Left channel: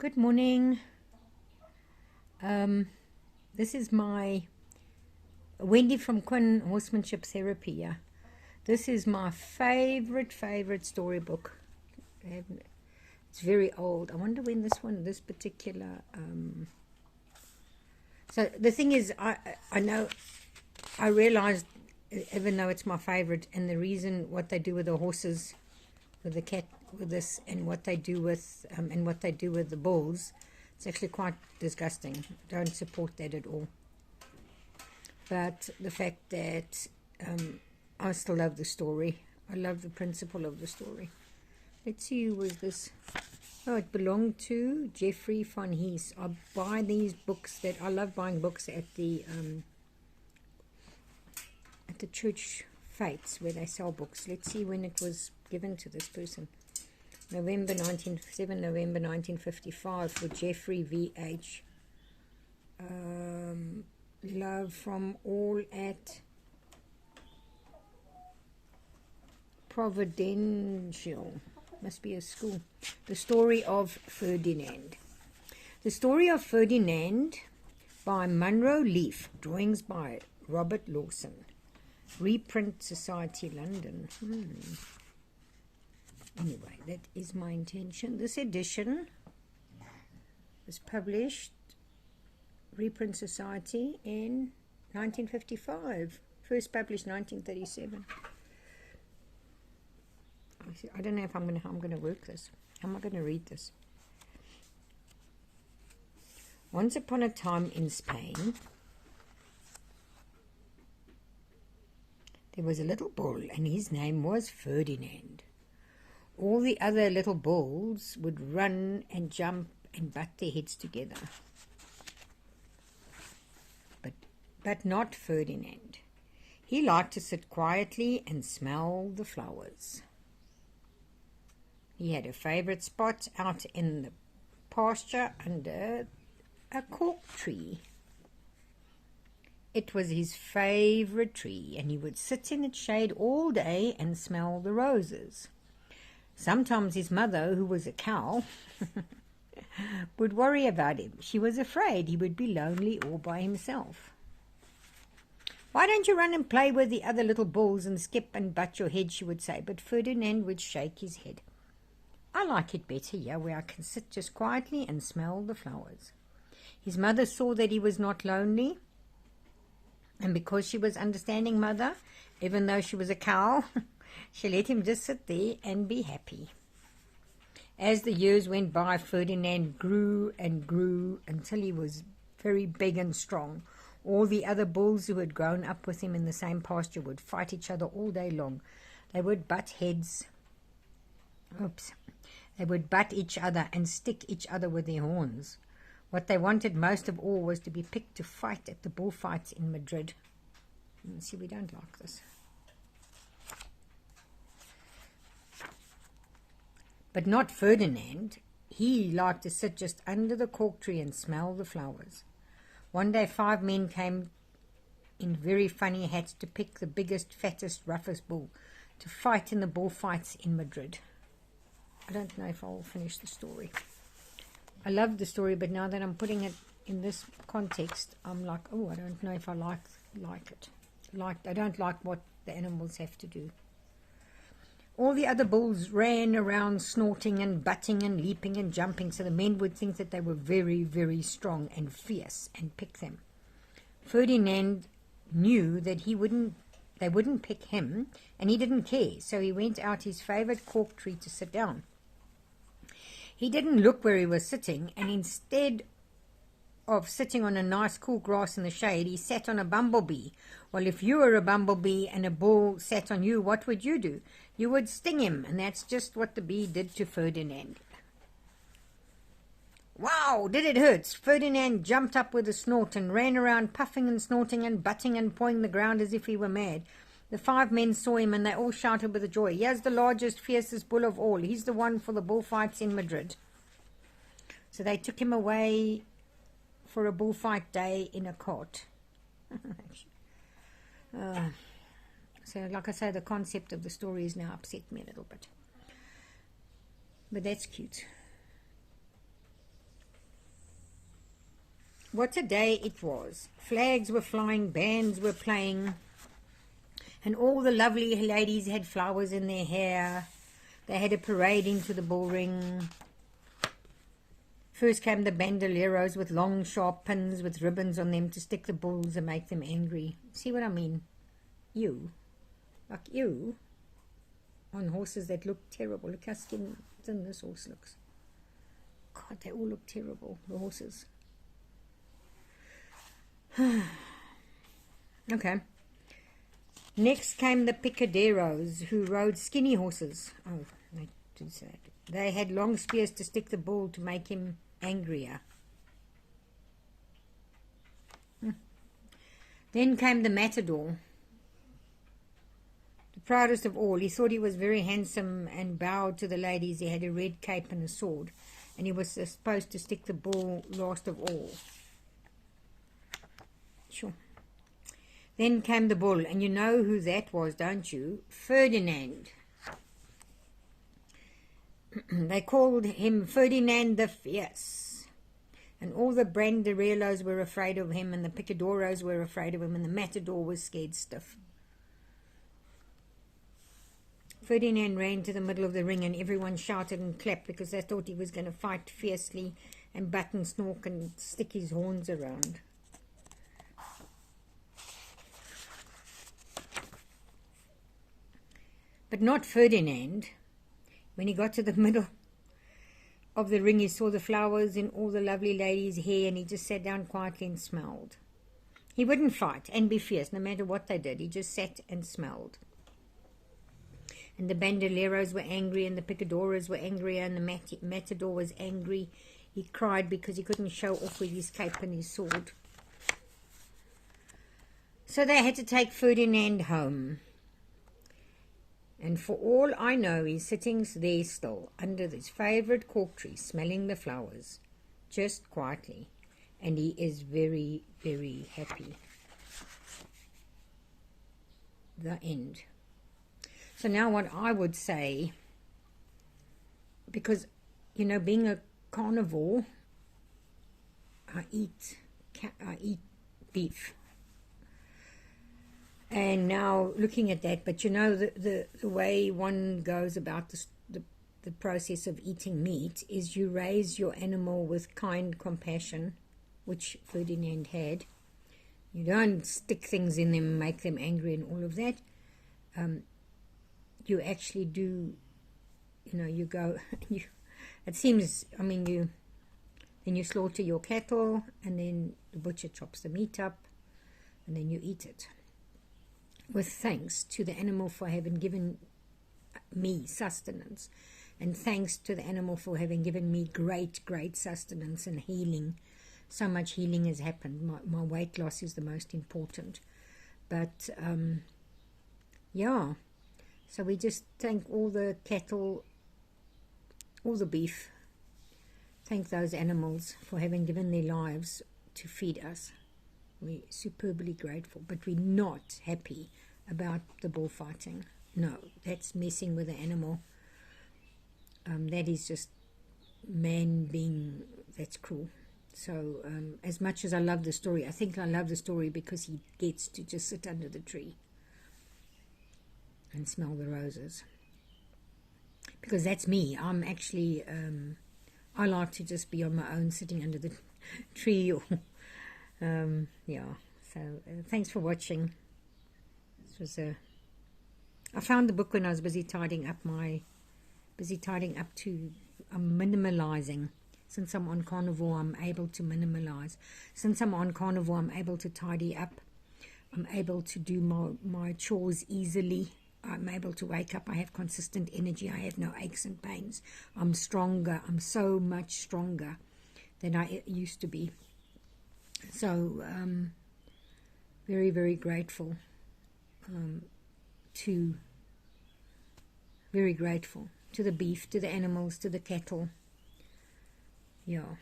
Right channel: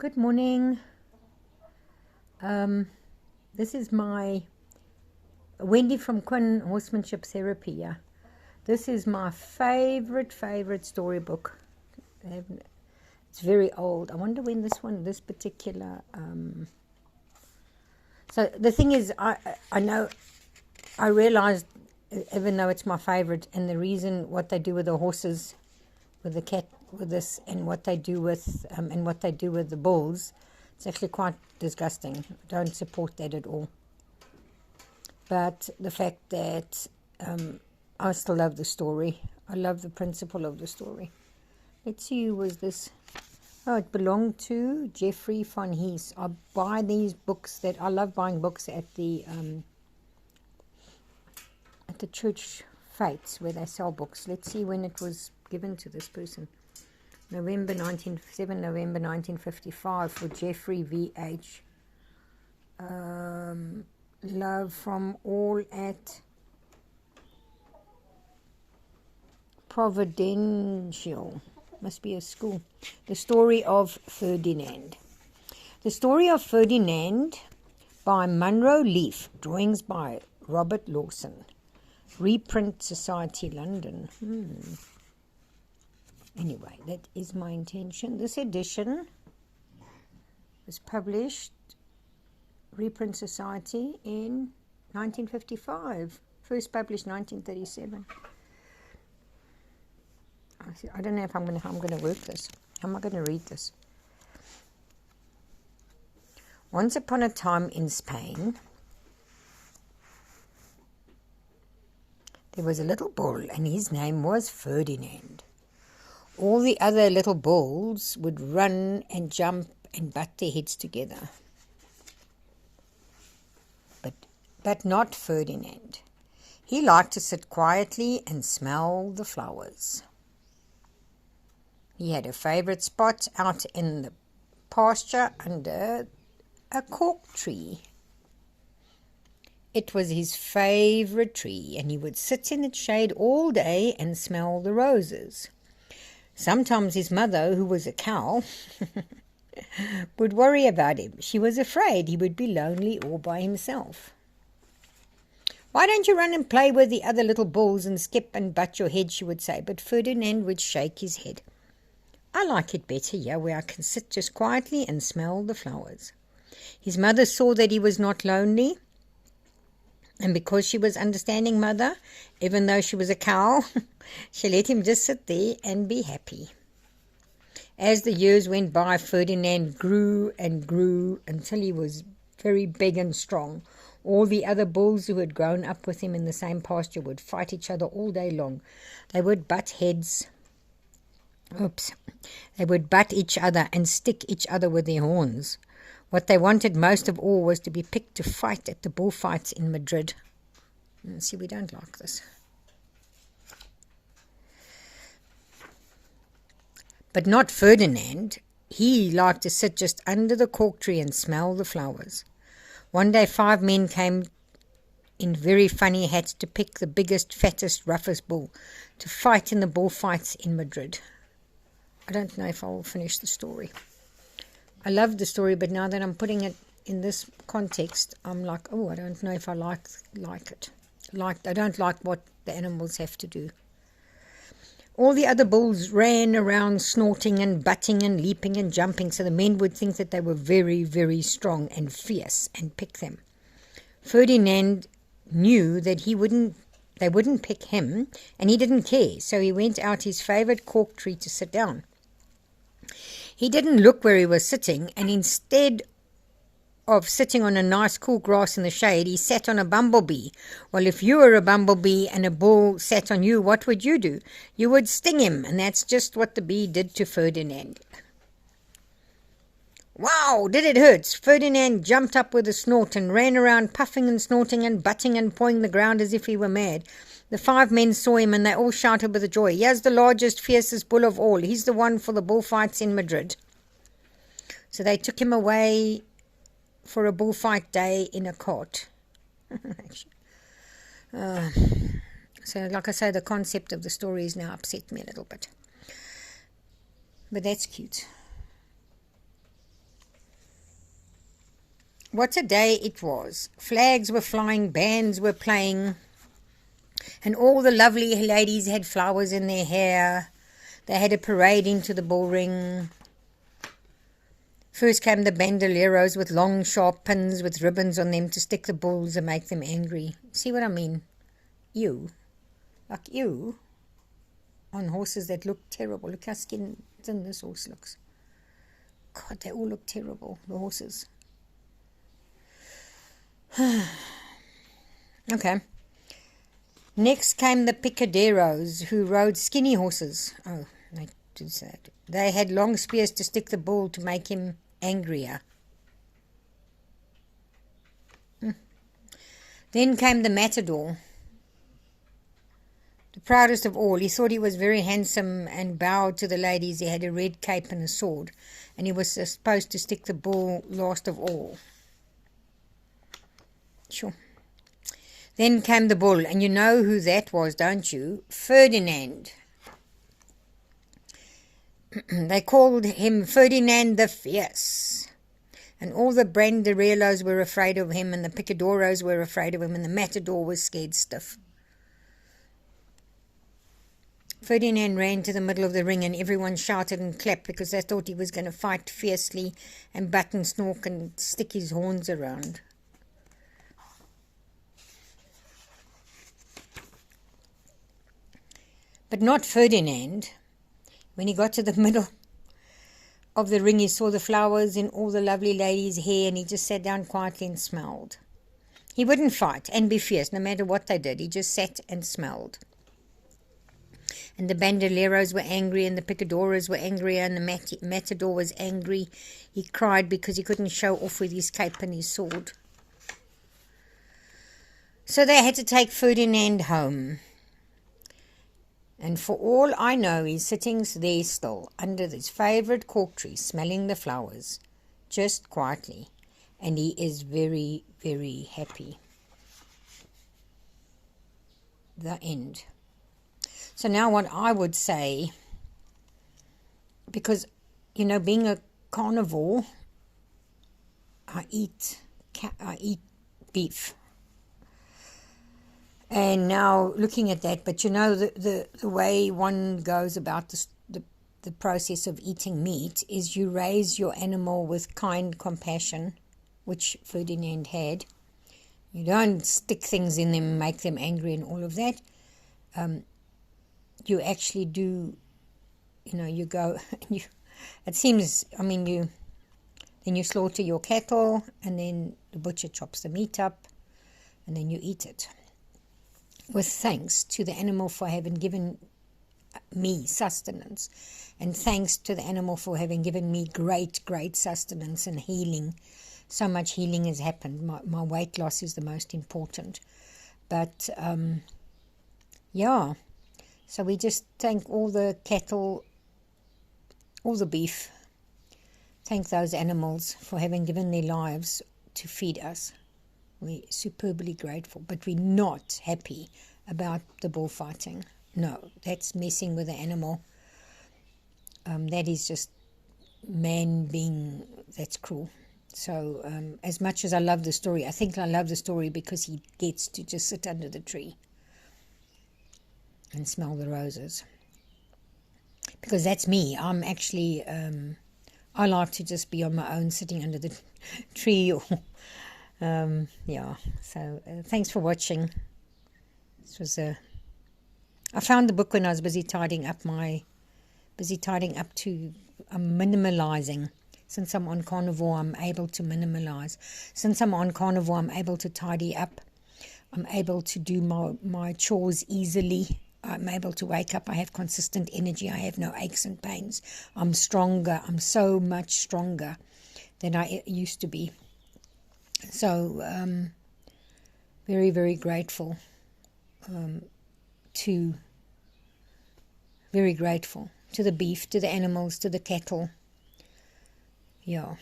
Good morning. This is my Wendy from Quinn Horsemanship Therapy. Yeah, this is my favorite storybook. It's very old. I wonder when this particular. So the thing is, I realized, even though it's my favorite, and the reason what they do with the horses, with the cat, with this, and what they do with the bulls, it's actually quite disgusting. Don't support that at all. But the fact that I still love the story. I love the principle of the story. Let's see, who was this? Oh, it belonged to Jeffrey von Hees. I buy these books I love buying books at the church fates where they sell books. Let's see when it was given to this person. November 1955 for Jeffrey V.H. Love from all at Providential. Must be a school. The story of Ferdinand. The story of Ferdinand by Munro Leaf. Drawings by Robert Lawson. Reprint Society, London. Anyway, that is my intention. This edition was published, Reprint Society, in 1955. First published 1937. I don't know if how I'm going to work this. How am I going to read this? Once upon a time in Spain, there was a little bull, and his name was Ferdinand. All the other little bulls would run and jump and butt their heads together. But not Ferdinand. He liked to sit quietly and smell the flowers. He had a favorite spot out in the pasture under a cork tree. It was his favorite tree, and he would sit in its shade all day and smell the roses. Sometimes his mother, who was a cow, would worry about him. She was afraid he would be lonely all by himself. "Why don't you run and play with the other little bulls and skip and butt your head?" she would say. But Ferdinand would shake his head. "I like it better here, where I can sit just quietly and smell the flowers." His mother saw that he was not lonely, and because she was understanding mother, even though she was a cow, she let him just sit there and be happy. As the years went by, Ferdinand grew and grew until he was very big and strong. All the other bulls who had grown up with him in the same pasture would fight each other all day long. They would butt heads. They would butt each other and stick each other with their horns. What they wanted most of all was to be picked to fight at the bullfights in Madrid. See, we don't like this. But not Ferdinand. He liked to sit just under the cork tree and smell the flowers. One day 5 men came in very funny hats to pick the biggest, fattest, roughest bull to fight in the bullfights in Madrid. I don't know if I will finish the story. I love the story, but now that I'm putting it in this context, I'm like, oh, I don't know if I like it. I don't like what the animals have to do. All the other bulls ran around snorting and butting and leaping and jumping, so the men would think that they were very, very strong and fierce and pick them. Ferdinand knew that they wouldn't pick him, and he didn't care, so he went out his favorite cork tree to sit down. He didn't look where he was sitting, and instead of sitting on a nice cool grass in the shade, he sat on a bumblebee. Well, if you were a bumblebee and a bull sat on you, what would you do? You would sting him, and that's just what the bee did to Ferdinand. Wow, did it hurt? Ferdinand jumped up with a snort and ran around puffing and snorting and butting and pawing the ground as if he were mad. The 5 men saw him, and they all shouted with joy, "Here's the largest, fiercest bull of all. He's the one for the bullfights in Madrid." So they took him away for a bullfight day in a cart. So, like I say, the concept of the story has now upset me a little bit. But that's cute. what a day it was. Flags were flying, bands were playing, and all the lovely ladies had flowers in their hair. They had a parade into the bullring. First came the bandoleros with long sharp pins with ribbons on them to stick the bulls and make them angry. See what I mean? Like you, on horses that look terrible. Look how thin this horse looks. God, they all look terrible, the horses. Okay. Next came the picaderos, who rode skinny horses. Oh, they did say it. They had long spears to stick the bull to make him angrier. Then came the matador, the proudest of all. He thought he was very handsome and bowed to the ladies. He had a red cape and a sword, and he was supposed to stick the bull last of all. Sure. Then came the bull, and you know who that was, don't you? Ferdinand. They called him Ferdinand the Fierce. And all the banderilleros were afraid of him, and the picadoros were afraid of him, and the matador was scared stiff. Ferdinand ran to the middle of the ring, and everyone shouted and clapped because they thought he was going to fight fiercely and butt and snork and stick his horns around. But not Ferdinand. When he got to the middle of the ring, he saw the flowers in all the lovely ladies' hair, and he just sat down quietly and smelled. He wouldn't fight and be fierce no matter what they did. He just sat and smelled. And the bandoleros were angry, and the picadoras were angrier, and the matador was angry. He cried because he couldn't show off with his cape and his sword. So they had to take Ferdinand home. And for all I know, he's sitting there still, under his favourite cork tree, smelling the flowers, just quietly. And he is very, very happy. The end. So now what I would say, because, you know, being a carnivore, I eat beef. And now looking at that, but you know, the way one goes about the process of eating meat is you raise your animal with kind compassion, which Ferdinand had. You don't stick things in them, make them angry and all of that. You actually do, you know, you go, it seems, I mean, then you slaughter your cattle, and then the butcher chops the meat up, and then you eat it. With thanks to the animal for having given me sustenance, and thanks to the animal for having given me great, great sustenance and healing. So much healing has happened. My weight loss is the most important. But, yeah, so we just thank all the cattle, all the beef, thank those animals for having given their lives to feed us. We're superbly grateful, but we're not happy about the bullfighting. No, that's messing with the animal. That is just man being, that's cruel. So as much as I love the story, I think I love the story because he gets to just sit under the tree and smell the roses. Because that's me. I'm actually, I like to just be on my own sitting under the tree or... yeah, so thanks for watching. This was I found the book when I was busy tidying up to minimalizing. Since I'm on carnivore, I'm able to minimalize. Since I'm on carnivore, I'm able to tidy up. I'm able to do my chores easily. I'm able to wake up. I have consistent energy. I have no aches and pains. I'm stronger. I'm so much stronger than I used to be. So, very, very grateful to the beef, to the animals, to the cattle. Yeah.